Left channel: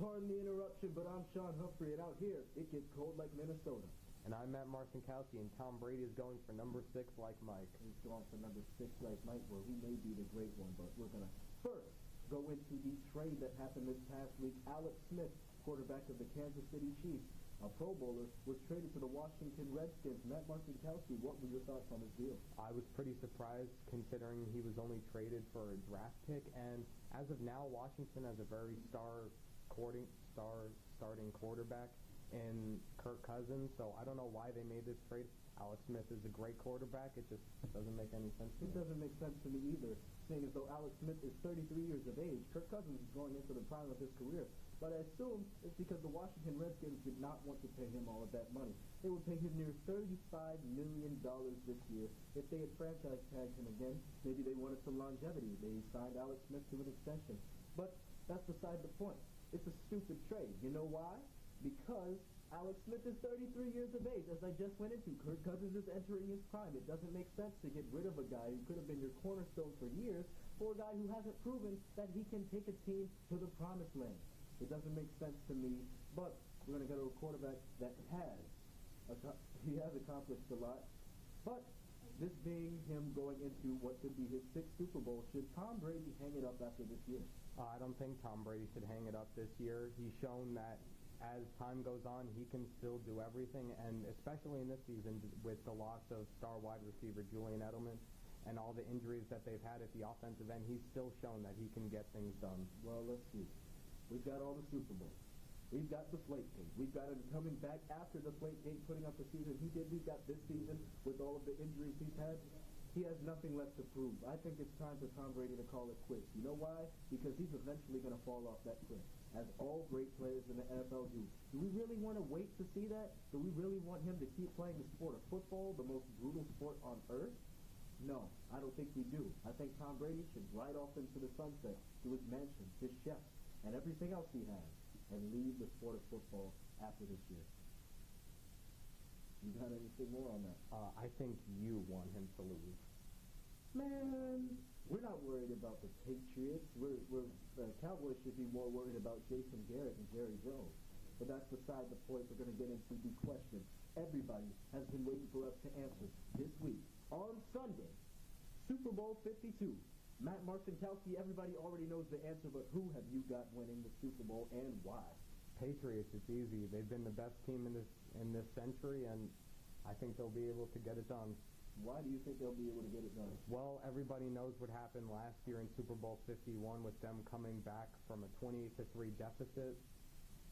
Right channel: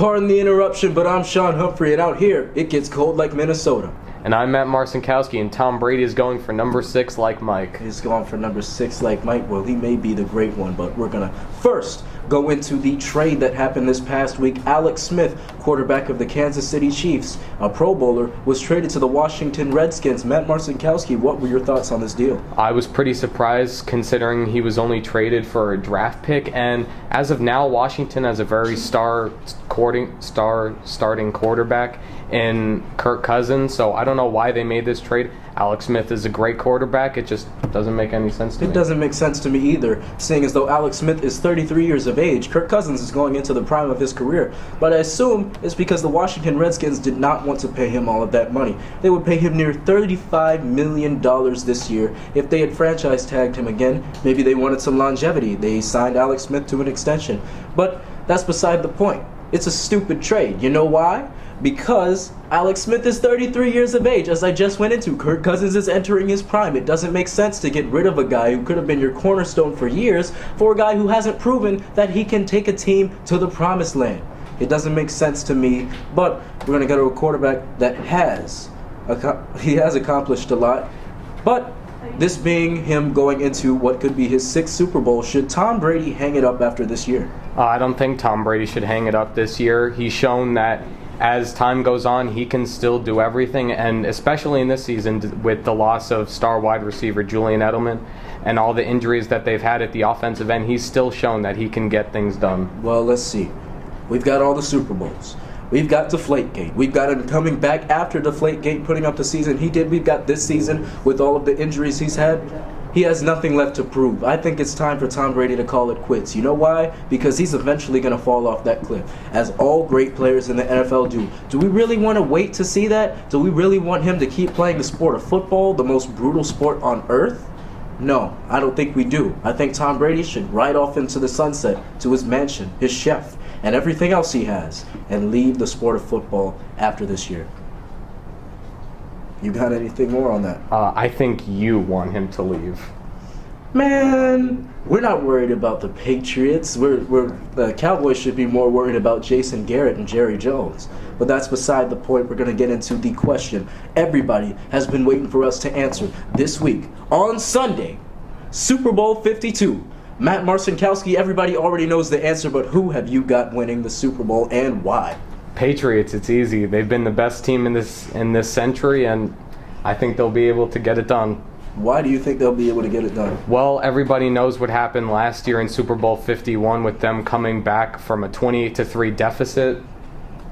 Pardon the interruption, but I'm Sean Humphrey, and out here, it gets cold like Minnesota. And I'm Matt Marcinkowski, and Tom Brady is going for number 6 like Mike. He's going for number 6 like Mike. Well, he may be the great one, but we're going to first go into the trade that happened this past week. Alex Smith, quarterback of the Kansas City Chiefs, a Pro Bowler, was traded to the Washington Redskins. Matt Marcinkowski, what were your thoughts on this deal? I was pretty surprised considering he was only traded for a draft pick, and as of now, Washington has a very starting quarterback in Kirk Cousins, so I don't know why they made this trade. Alex Smith is a great quarterback. It just doesn't make any sense to me. It doesn't make sense to me either, seeing as though Alex Smith is 33 years of age. Kirk Cousins is going into the prime of his career. But I assume it's because the Washington Redskins did not want to pay him all of that money. They would pay him near $35 million this year. If they had franchise tagged him again, maybe they wanted some longevity. They signed Alex Smith to an extension. But that's beside the point. It's a stupid trade. You know why? Because Alex Smith is 33 years of age, as I just went into. Kirk Cousins is entering his prime. It doesn't make sense to get rid of a guy who could have been your cornerstone for years for a guy who hasn't proven that he can take a team to the promised land. It doesn't make sense to me, but we're going to go to a quarterback that has accomplished a lot. But this being him going into what could be his 6th Super Bowl, should Tom Brady hang it up after this year? I don't think Tom Brady should hang it up this year. He's shown that as time goes on, he can still do everything, and especially in this season with the loss of star wide receiver Julian Edelman and all the injuries that they've had at the offensive end, he's still shown that he can get things done. Well, let's see. We've got all the Super Bowls. We've got Deflategate. We've got him coming back after Deflategate, putting up the season he did. We've got this season with all of the injuries he's had. He has nothing left to prove. I think it's time for Tom Brady to call it quits. You know why? Because he's eventually going to fall off that cliff, as all great players in the NFL do. Do we really want to wait to see that? Do we really want him to keep playing the sport of football, the most brutal sport on earth? No, I don't think we do. I think Tom Brady should ride off into the sunset to his mansion, his chef, and everything else he has, and leave the sport of football after this year. You got anything more on that? I think you want him to leave. Man, we're not worried about the Patriots. The Cowboys should be more worried about Jason Garrett and Jerry Jones. But that's beside the point. We're going to get into the question everybody has been waiting for us to answer this week. On Sunday, Super Bowl 52. Matt Marcinkowski, everybody already knows the answer, but who have you got winning the Super Bowl and why? Patriots, it's easy. They've been the best team in this century, and I think they'll be able to get it done. Why do you think they'll be able to get it done? Well, everybody knows what happened last year in Super Bowl 51 with them coming back from a 28-3 deficit.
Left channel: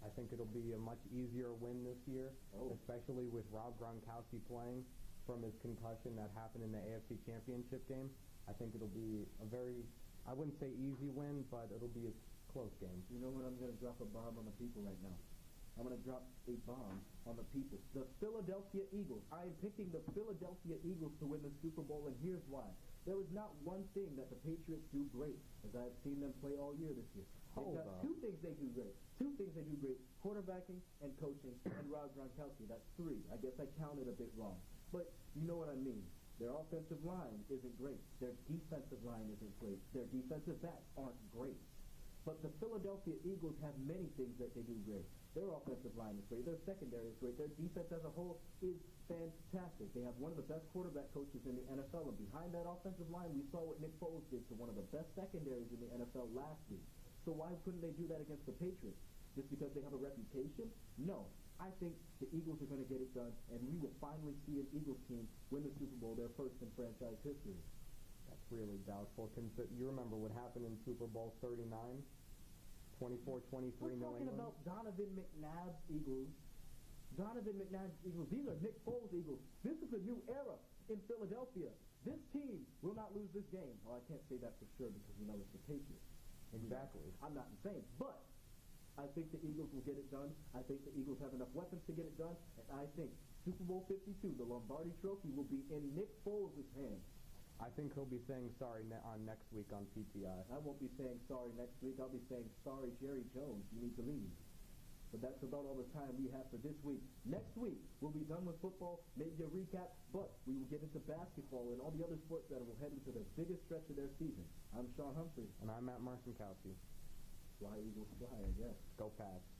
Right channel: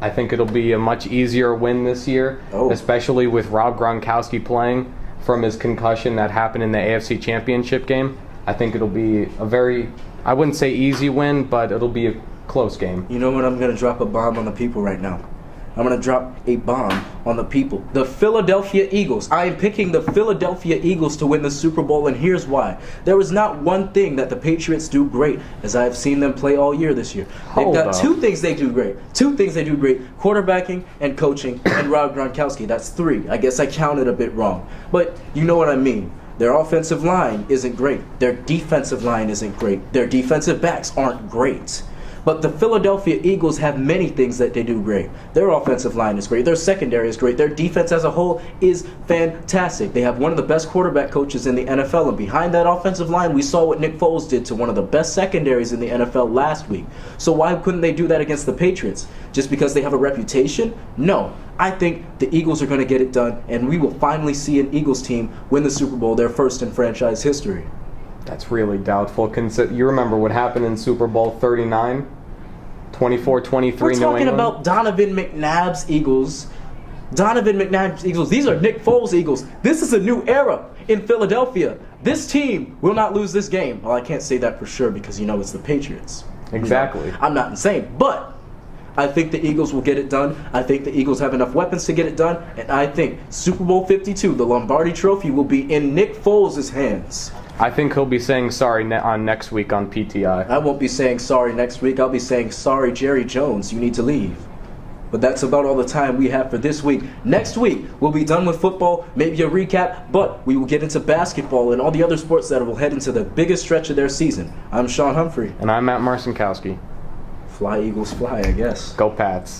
I think it'll be a much easier win this year, especially with Rob Gronkowski playing from his concussion that happened in the AFC Championship game. I think it'll be a very, I wouldn't say easy win, but it'll be a close game. You know what? I'm going to drop a bomb on the people right now. I'm going to drop a bomb on the people. The Philadelphia Eagles. I am picking the Philadelphia Eagles to win the Super Bowl, and here's why. There is not one thing that the Patriots do great, as I have seen them play all year this year. They've got two things they do great. Two things they do great. Quarterbacking and coaching and Rob Gronkowski. That's 3. I guess I counted a bit wrong. But you know what I mean. Their offensive line isn't great. Their defensive line isn't great. Their defensive backs aren't great. But the Philadelphia Eagles have many things that they do great. Their offensive line is great. Their secondary is great. Their defense as a whole is fantastic. They have one of the best quarterback coaches in the NFL. And behind that offensive line, we saw what Nick Foles did to one of the best secondaries in the NFL last week. So why couldn't they do that against the Patriots? Just because they have a reputation? No. I think the Eagles are going to get it done, and we will finally see an Eagles team win the Super Bowl, their first in franchise history. That's really doubtful. You remember what happened in Super Bowl 39? 24-23 New England. We're talking about Donovan McNabb's Eagles. Donovan McNabb's Eagles. These are Nick Foles' Eagles. This is a new era in Philadelphia. This team will not lose this game. Well, I can't say that for sure because, it's the Patriots. Exactly. I'm not insane, but I think the Eagles will get it done. I think the Eagles have enough weapons to get it done, and I think Super Bowl 52, the Lombardi Trophy, will be in Nick Foles' hands. I think he'll be saying sorry on next week on PTI. I won't be saying sorry next week. I'll be saying sorry, Jerry Jones, you need to leave. But that's about all the time we have for this week. Next week, we'll be done with football, maybe a recap, but we will get into basketball and all the other sports that will head into the biggest stretch of their season. I'm Sean Humphrey. And I'm Matt Marcinkowski. Fly, Eagles, fly, I guess. Go Pats.